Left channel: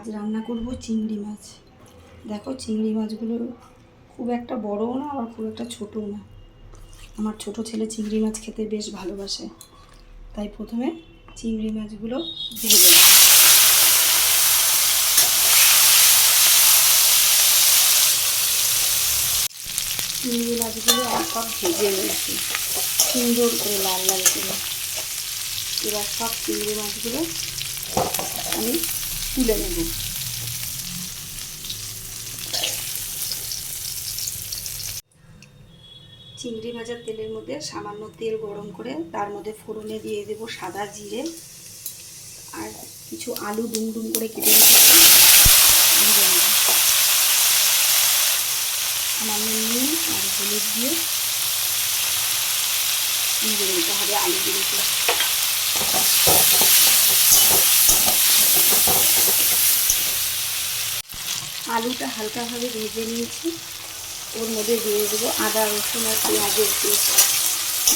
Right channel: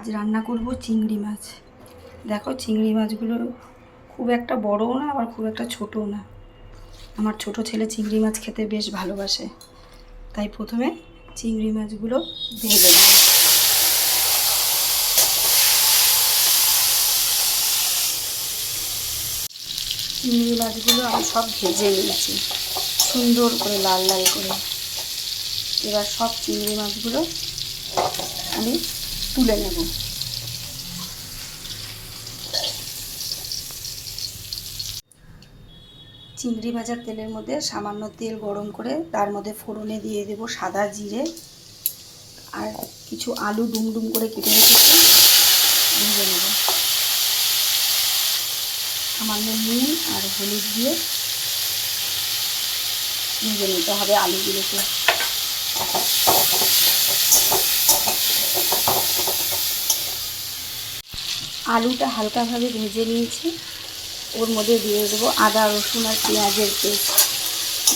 আজ রান্না করব চিংড়ি মাছ। দেখো চিংড়ি মাছগুলো খুব একটা বড়ও না আবার খুব একটা ছোটও না। আমার ছোট ছেলে চিংড়ি মাছ খেতে বেশ ভালোবাসে, তাই প্রথমে চিংড়ি মাছগুলো ভেজে নেব। চিংড়ি মাছগুলো আমি সব ভেজে নিয়েছি সুন্দর করে, লাল লাল করে। এবার সব চিংড়ি মাছগুলো আমি তুলে নেব। চিংড়ি ভাজার তেলের মধ্যে সামান্য তেল গরম করে তার মধ্যে ফোড়নে দিয়ে দেব সাদা জিরে আর কিছু আলু ডুমডুম করে কেটে রেখেছি, ভেজে নেব। সামান্য নুন আর হলুদ দিয়ে ভেজে নিতে হবে আলুগুলোকে। আলুটা হালকাভাবে ভেজে নিয়েছি, ওর মধ্যে দিয়ে দেবো আদা রসুন আর পেঁয়াজের পেস্ট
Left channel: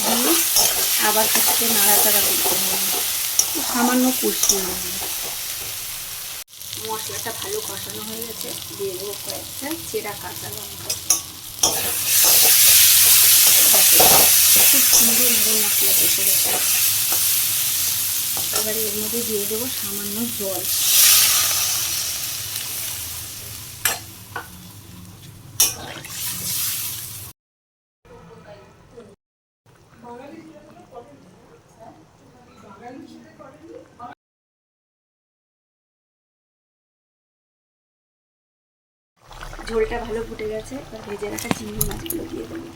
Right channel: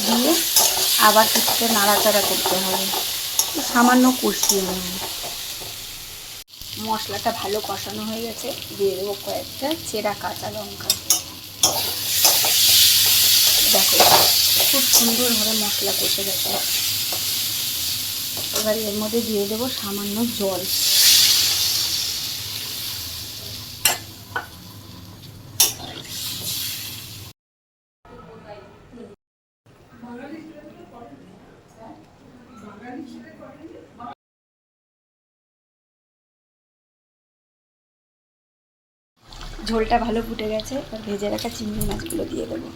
দিয়ে আবার কিছুটা নাড়াচাড়া করতে হবে, সামান্য কষিয়ে নেব। মশলাটা ভালো কষানো হয়ে গেছে, দিয়ে দেবো কয়েকটা চেরা কাঁচা লঙ্কা। দেখো খুব সুন্দরভাবে মশলা কষে গেছে। এবার এর মধ্যে দিয়ে দেবো সামান্য জল। ঝোলটা ভালো ফুটে গেছে, এবার ভেজে রাখা চিংড়ি মাছগুলো দিয়ে দেবো।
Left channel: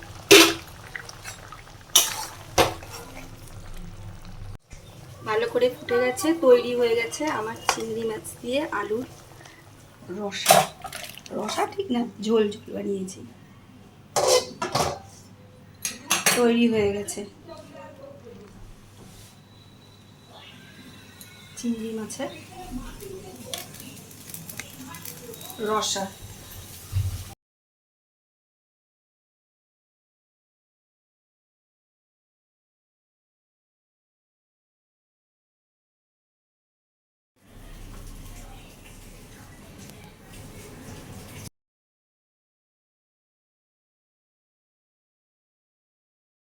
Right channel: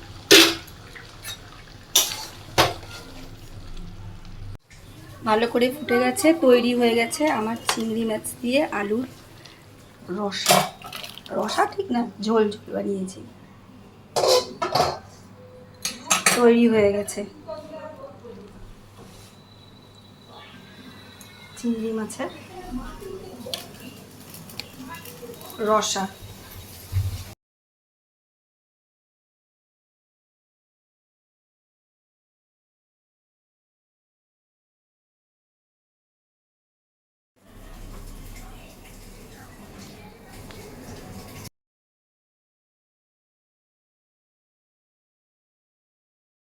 ভালো করে ফুটে গেছে, তৈরি হয়ে গেছে আমার চিংড়ি মাছ দিয়ে আলুর রসা। রসা ঠিক না, ঝোল ঝোল বানিয়েছি, তৈরি হয়ে গেছে চিংড়ি মাছের রসা।